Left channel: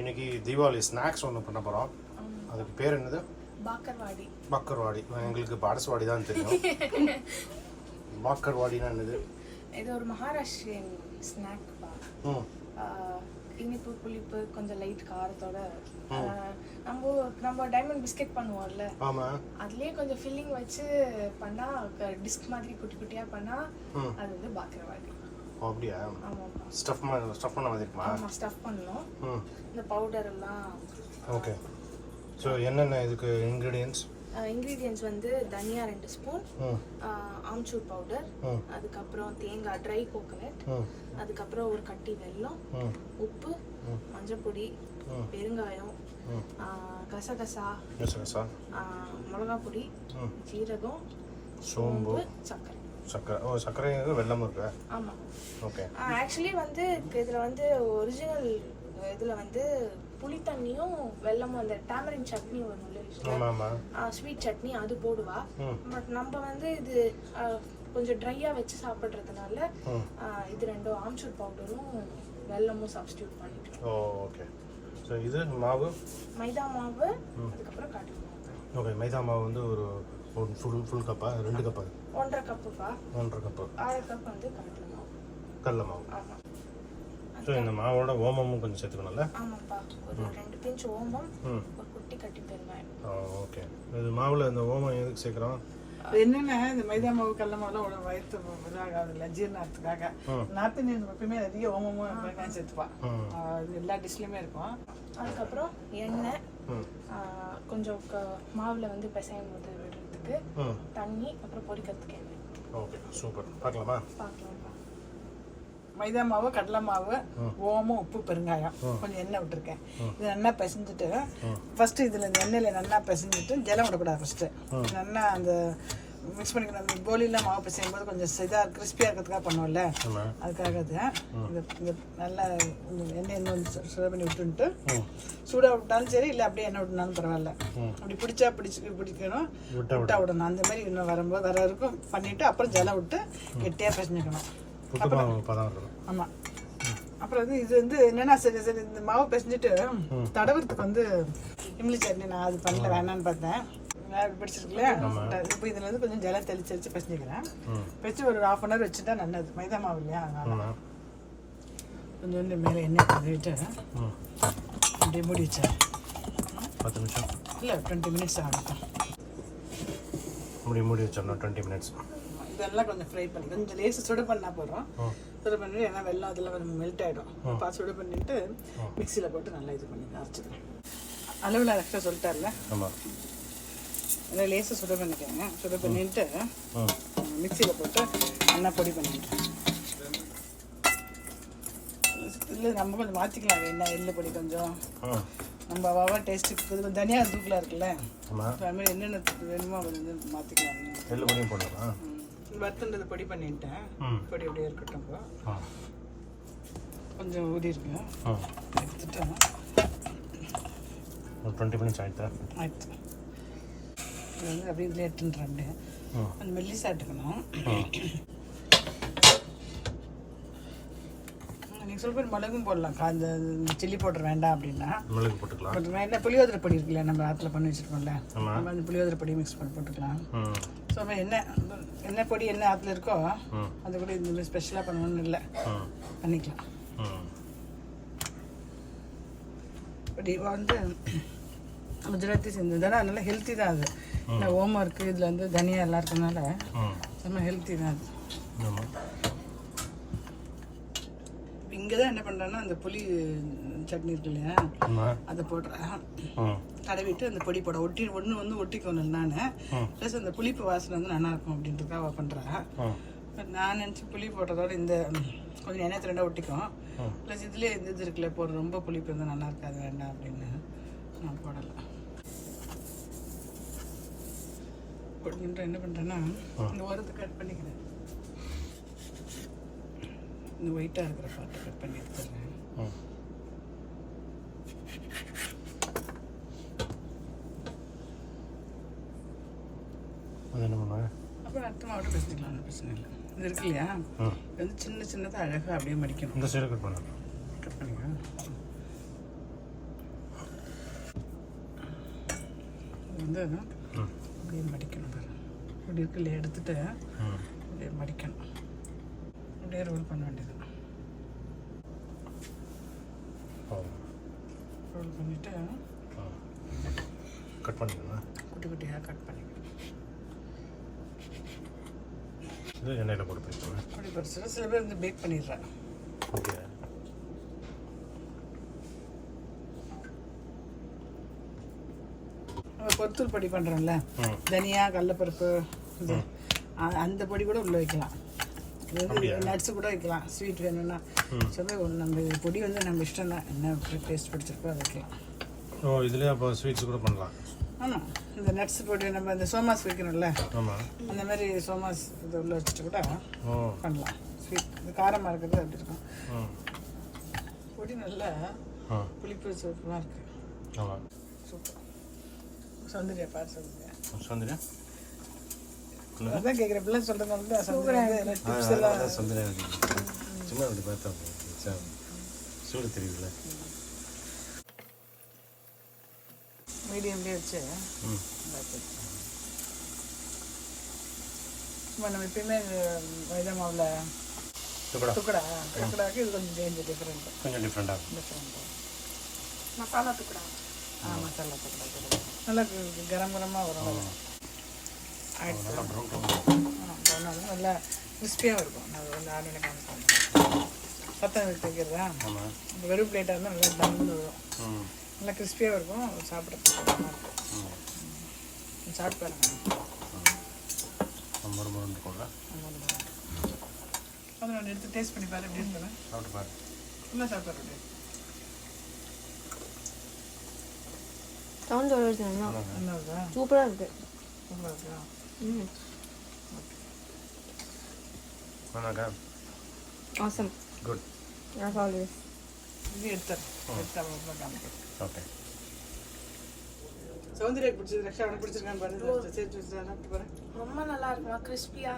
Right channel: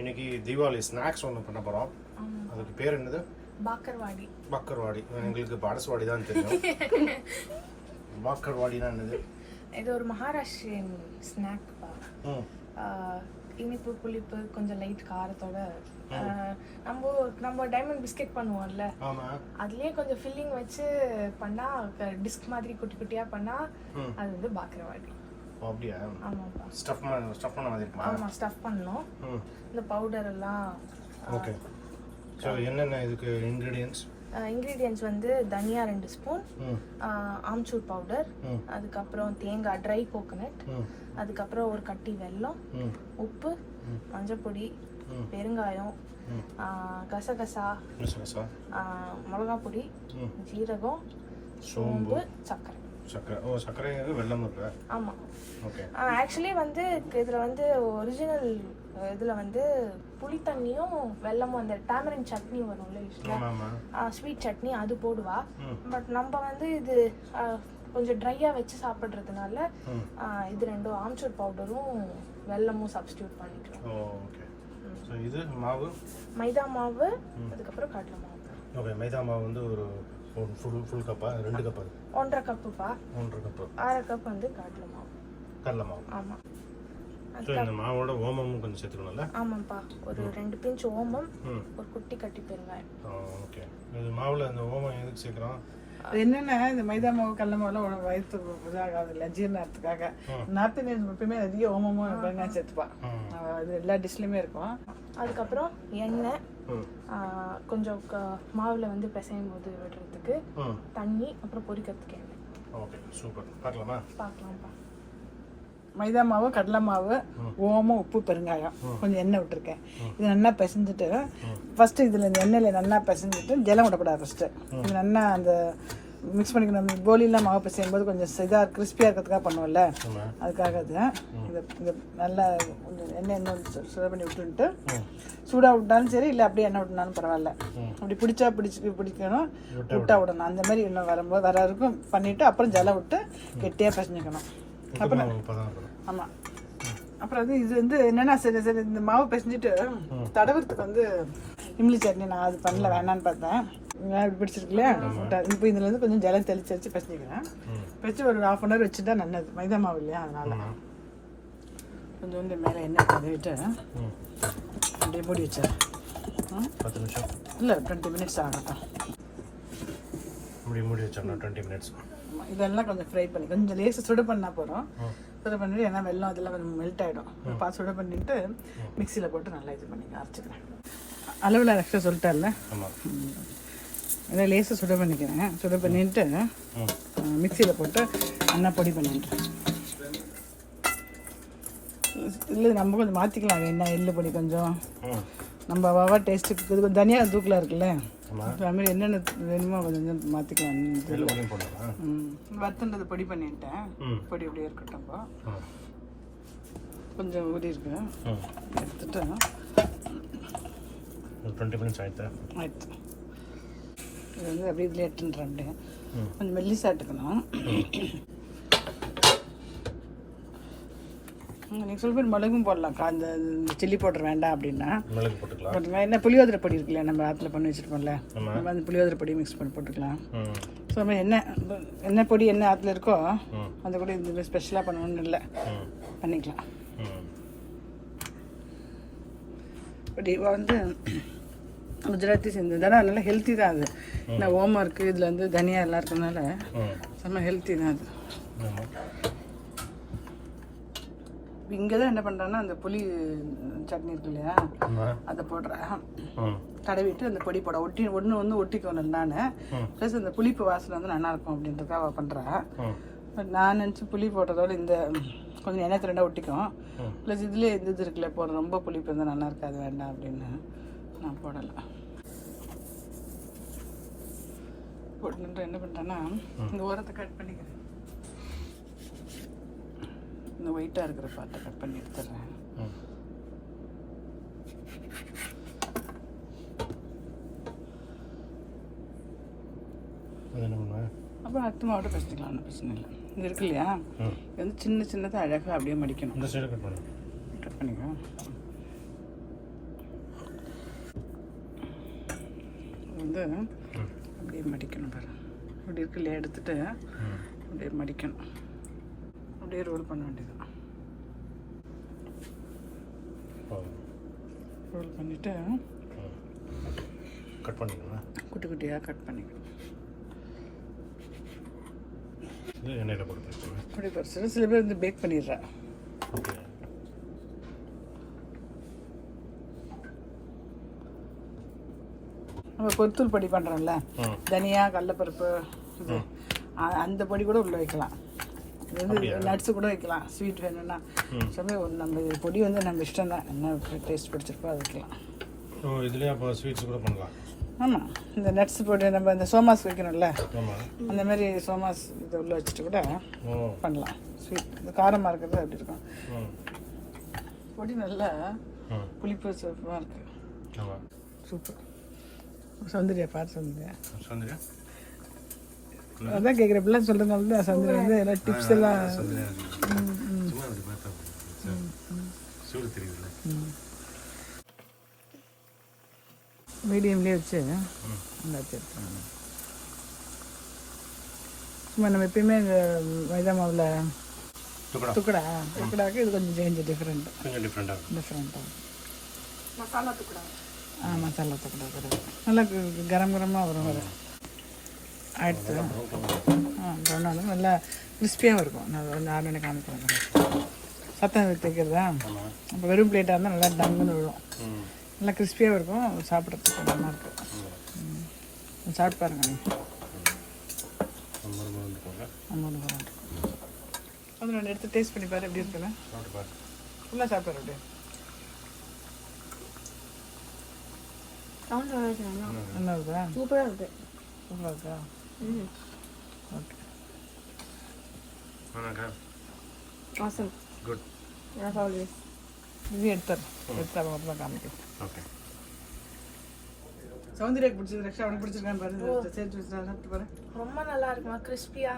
இன்னைக்கு தீபாவளி ஸ்நாக்ஸ் ஒன்று பண்ண போகிறோம். அதுக்கு பேர் என்னது? பாக்கர்வாடி. பக்கர்வாடி. எங்களுக்கு பாடஸ்வாடி தான் தெரியும். பாக்கர்வாடினா என்னது? இது ஒரு மகாராஷ்டிரியன் ஸ்நாக். இனிப்பு புளிப்பு கொஞ்சம் லைட் காரத்தோட நம்ம டைமண்ட் பிஸ்கெட் பண்ணுவோம்ல, அதுலயே கொஞ்சம் ஃபில்லிங் வச்சு பண்ணா டிஸ்க் மாதிரி குட்டி குட்டியா பண்ணா அது வந்து பாக்கர்வாடி. அப்படியா? ஸ்டஃப் பண்ண மாதிரி இருக்குமா? ஆமா, ஸ்டஃப் பண்ணோம். இந்த பவுடர் எல்லாம். ஓகே. சோ என்னென்ன இதுக்கு இன்கிரிடியன்ட்ஸ்? இன்கிரிடியன்ட்ஸ் வந்து தனியா 2 ஸ்பூன், ஆம்ச்சூர் பவுடர், அதுக்கு அப்புறம் தேங்காய் ட்ரை கோகனட், அதுக்கு அப்புறம் ஒரு கட்டி வெல்லம், உப்பு, மஞ்சள் பொடி, பெருங்காயம், கசகசா, மிளகா பொடி, ஜீரகம், சோம்பு, சர்க்கரை. சர்க்கரை வெல்லம் இருக்கு. ஆமா. ஓகே. ஆக்சுவலி வந்து இதுல வந்து ஒரிஜினல் இதுல வந்து புளி தண்ணியும் வெல்லமும் அந்த டாமரின் சட்னி வரும்ல, ஸ்வீட் சட்னி, அது போடுவா. பட் நம்ம வந்து இது கொஞ்சம் ட்ரையா வச்சு சாப்பிடுறதுனால இது ரெண்டும் ஆம்ச்சூர் பவுடரும் வெல்லமும் சப்ஸ்டியூட் பண்ணிக்கிறோம். ஓகே. ஸோ இது மாவு மைதா மாவு, அதுக்கப்புறம் கடலை மாவு. ஓகே. மைதா மாவு வந்து ஒரு ஃபுல் கப்பா 2 கப்பா? 1.5 கப்புப்பா. 1.5 கப்பு. 1/2 கப் வந்து கடலை மாவு. ஆமா. ஸோ இந்த மாவோட ஓமமும் கொஞ்சம் சேர்த்துக்கணும்ல? ஆமாப்பா, ஒரு 2 பிஞ்ச் ஓமம், ஒரு குட்டி கட்டி பெருங்காயம். ஓகே. இது மாவுல இந்த ஓமம் எதுக்கு சேர்க்குறோம்? என்னன்னா இந்த மைதா மாவு கடலை மாவுலாம் வயிற்று இதாகாதுல்ல, ஜீரணத்துக்காக. நார்த் இந்தியன்ஸ் எப்பயுமே அதிக ஓமமும் வெங்காயம் சேர்த்துப்பா. அது எல்லா டிஷ்லையுமே இருக்கும். அதுக்கப்புறம் எண்ணெய் கொஞ்சம் மாவுல வந்து பிசையும் போது விடுறதுக்கு தண்ணி, அப்புறம் பொரிக்கிறதுக்கு எண்ணெய். Okay, super. பார்க்கலாமா? பார்க்கலாம்ப்பா. மைதா மாவு, கடலை மாவு, ஓமம், உப்பு, பெருங்காயம், கொஞ்சம் எண்ணெய் விட்டுருக்கேன். இது நல்லா பிசைஞ்சிட்டு ஃபர்ஸ்ட் இதுல இந்த எண்ணெயில நல்லா பிசைஞ்சிட்டு ஜலம் விடப்படாது. ஃபர்ஸ்ட் நல்லா அந்த மிக்ஸ் பண்ணிக்கணும். கோலிலாம் மாவு பிசையும் போது கொஞ்சம் இதாக கிறிஸ்பியாக இருக்கிறதுக்காக பண்ணுவோம்ல, அதுக்காக இது நல்லா எண்ணெய் சுட பண்ணி விட்டுன்ட்டு, சூடாக விட்டாலும் சரி, இல்லை அப்படியே எண்ணெய் விட்டுனாலும் பரவாயில்ல. அப்படி பிடிக்கணும், விட்டா விடணும். அந்த மாதிரி இன்னும் வரும்போது வர இருக்கும் பண்ணிட்டு அப்புறம் ஜலம் விட்டு கெட்டியாக பிசைஞ்சிக்கணும். ஆமாம். அப்புறம் இது வந்து என்னன்னா, சரி இந்த மாவு பிசைஞ்சிட்டு தடவுறதுக்கு வந்து இம்லி சட்னி நான் அது பண்ணல, வேணான்னு பார்த்தேன். பிடிச்சிருக்குல்ல, இப்போ இதுல இருந்து கொஞ்சம் ஜலம் தெளிச்சு வச்சு பிசைஞ்சிக்கிறேன். வச்சு ஒரு 1/2 hour வச்சுட்டா நல்லது. மைதா மாவு இல்லையா, அதனால கொஞ்சம் மேலே எண்ணெய் தடவிட்டு அப்படியே மூடி வச்சேன். 10 நிமிஷம் இல்லை, 20 minutes ஆகட்டும். மூடி வச்சோம்னா 20 minutes. இதெல்லாம் கொஞ்சம் ஃப்ரை பண்ணி கொஞ்சம் லேசாக சுட பண்ணால் போகிறோம். சுட பண்ணிட்டு ஏன்னா வெல்லம் அதெல்லாம் கொஞ்சம் மெல்ட் ஆகிடும். சுட பண்ணிவிட்டு மிக்சியில் போட்டு நல்லா இது பண்ணி அரைச்சிக்கிறேன். அளவில் எக்ஸ்ட்ரா சொல்லிட்டேன்ல, ஏன்னா லேசாக சுட பண்ணிக்கிறேன். சுட பண்ணிட்டு மிக்சியில் போட்டு நல்லா பொடி பண்ணிவிட்டேன். இல்லை நம்ம கொஞ்சம் மாற்றிக்கலாம். என்ன எள்ளு பொடி கொஞ்சம் நம்ம வவா டேஸ்ட்டுக்கு இது கொஞ்சம் தனியாக தூக்கில் இருக்குல்ல, அதுமாதிரி என்னென்ன வேணுமோ கொஞ்சம் மாற்றிக்கலாம். வறுத்துன்றது பொடி பண்ணிட்டேன். பொடி அப்படியே இருக்கட்டும். கொஞ்சம் ஊறி இருக்கு, எடுத்துட்டு 20 minutes ஆயிடுச்சு. அப்படியே இதில் எடுத்துன்றேன். அப்படியே கொஞ்சம் மெல்லிசாக எடுத்துக்கணும். சொல்ல மிளகும் போடலாம். அந்த சில்லி பவுடர் வேண்டாம் அப்படின்னா மிளகு போட்டுக்கலாம். என்ன புளியோதரை பொடி இருக்குல்ல, நம்ம ஆற்றுல பண்ணி வச்சுருப்போம்ல, அந்த புளியோதரை பொடி மிக்ஸ் பண்ணி போட்டுக்கலாம். ஸோ என்ன பொடி என்ன ஆற்றுல இருக்கோ அந்த பொடி இந்த ஸ்பெஷலாக பண்ணணும்னு இல்லை, பண்ணிக்கலாம். இப்படி வந்து குஜராத்தி செஞ்சதுனால நல்லா ஹெல்த்தி தான் அது. இந்த ஓமம் இருக்குது, இதில் வந்து தனியா எல்லாம் இருக்கனால செம்ம ஹெல்த்தி தான் அது. இங்கே தான் என்ன பண்ணுறேன்னா, அந்த புளி சட்னி இருக்கு இல்லையா, அதை போடுறேன். தடவிட்டு அந்த பொடி போட ஒன்று வந்து ஒட்டிக்கணும் நான். ப்ளஸ் அந்த புளிப்பு வாசனை வந்து நல்லாயிருக்கும் அப்படின்றதுக்காக பண்ணுறேன். பட் நான் நினச்சி புளி போடுறதோட இந்த கொஞ்சம் எண்ணெய் ரெண்டாக ஒட்டிக்கும். ப்ளஸ் இதுலேயே இது இருக்குல்ல, போடுற ரொம்ப புளிப்பு இருந்தால் நல்லா இருக்காது, வேண்டாம் அப்படின்னு நான் போடலை. போட்டு என்ன பண்ணுறேன்னா, இந்த ஓரத்தை கட் பண்ணிக்கிறேன். இந்த ஒயிட்டாக இருக்கிற பார்ட்டை கட் பண்ணி எடுத்துடுறேன். அப்புறம் அடுத்த மாவட்ட பேசிக்கலாம், ஒன்றும் பிரச்சனை இல்லை. இது இருக்கு இல்லையா, இது வந்து சின்னதாக அழகாக அப்படியே மடிக்கணும். இந்த சைடு கட் பண்ணிக்கலாம். வந்து அப்படியே மடிக்கணும் பாருங்க. அப்படி இருக்குல்ல எடுத்துட்டு அப்படியே மடிக்கணும். அப்படியே ரோல் பண்ண வேண்டியது. ரோல் பண்ணிவிட்டு கட் பண்ணிக்கணும். குட்டி குட்டியாக கட் பண்ணிக்கணும். இது எண்ணெயில் போட்டு பண்ணிக்கணும். அப்படி பறிச்சு சில பேர் வந்து பேக் பண்ணிடுறேன். ஓகே. நம்ம கொத்தூள் பொடி பண்ணுறோம்ல, தனியா கடலைப்பருப்பு இது அந்த பொடி கூட உள்ளே வைக்கலாம். நட்ஸு கூட வைக்கலாம், ஸ்வீட் வேணும்னா. நம்ம பொடி வந்து நம்ம இஷ்டம் தான், என்ன டேஸ்ட் பிடிச்சிருக்கோ அது வைக்கலாம். ஓ, இதுலேயே அப்போ ஸ்வீட்ஸ் கூட பண்ணலாம். ஆமாம், இந்த நட்ஸ் பொடி நம்ம இந்த சோமாஸ் வைக்கிறோம்ல, அந்த மாதிரி சோமாஸ் இது உள்ளே வச்சுட்டு கூட பண்ணலாம். ஸ்வீட் இந்த காரமாக இருக்கிறது அப்படி இருக்கும். பொடி நல்லா புளிப்பு சூப்பராக இருக்குது. சூப்பர். சௌந்தர்யா பார்த்து சொல்லுங்க. சௌந்தர்யா அதான் கேட்குறேன், இப்படிலாம் சொல்கிறதுனால தான் சௌந்தர்யா வந்து எல்லா டிப்ஸ் எல்லாம் சௌந்தர்யா சும்மா அப்படி பார்த்தா சூடு தெரியுதுல்ல. மீடியம்லேயே வச்சு சும்மா நம்ம எப்பயுமே மைதா மாவில் துக்கடாக்கு இது கொஞ்சம் சேஞ்ச் டிஃப்ரெண்ட், கொஞ்சம் டிஃப்ரெண்டாக மசாலா துக்கடா. மசாலா துக்கடா நல்லா கரமாக வரும். நல்லா கிறிஸ்பியாகவும் இருக்கும். நான் எனக்கு காமிப்போம் சத்தம் தைக்கிறதா. அப்போ வெறும் பிளேட்டாக இருந்தால் நல்லா டம்முன்னு விழும். நல்லா கிறிஸ்பியாகவும் இருக்கும், சாப்பிட்றதுக்கு நல்லா இருக்கும். சாப்பிட்டு பாருங்க. அது நான் எடுத்து டேஸ்ட் பண்ணி பாரு, எப்படி இருக்குல்ல. ஃபுல்லாக சாப்பிட்றேன் அப்படியே. நல்லா இருக்கா? சூப்பராக இருக்கு. நல்லா இருக்கா? Okay. Awesome. Good. As always. இது எடுத்தேன் காமிக்கிறேன். ஓகே. சௌந்தர்யாக்கு பிடிச்சது, ரக்ஷா அவனுக்கு பிடிச்சிருக்கான்னு பாரு. சேர்த்து சாப்பிட்டு பாரு. ரொம்ப நல்லா இருக்குமா, கிறிஸ்பியா,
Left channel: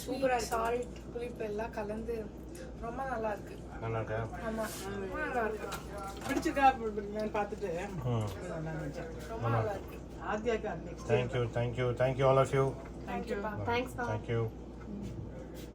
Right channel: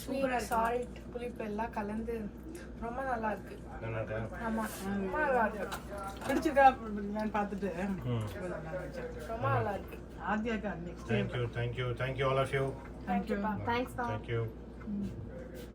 ஸ்வீட், சால்ட், புளிப்பு எல்லாம் கலந்து ரொம்ப நல்லா இருக்கு. நல்லா இருக்கா? ஆமா, ரொம்ப நல்லா இருக்கு. பிடிச்சிருக்கா பார்த்துட்டு ரொம்ப நல்லா இருக்கு. ஆத்யாக்கா next. Thank you all of you. Thank you. Thanks. Thank you.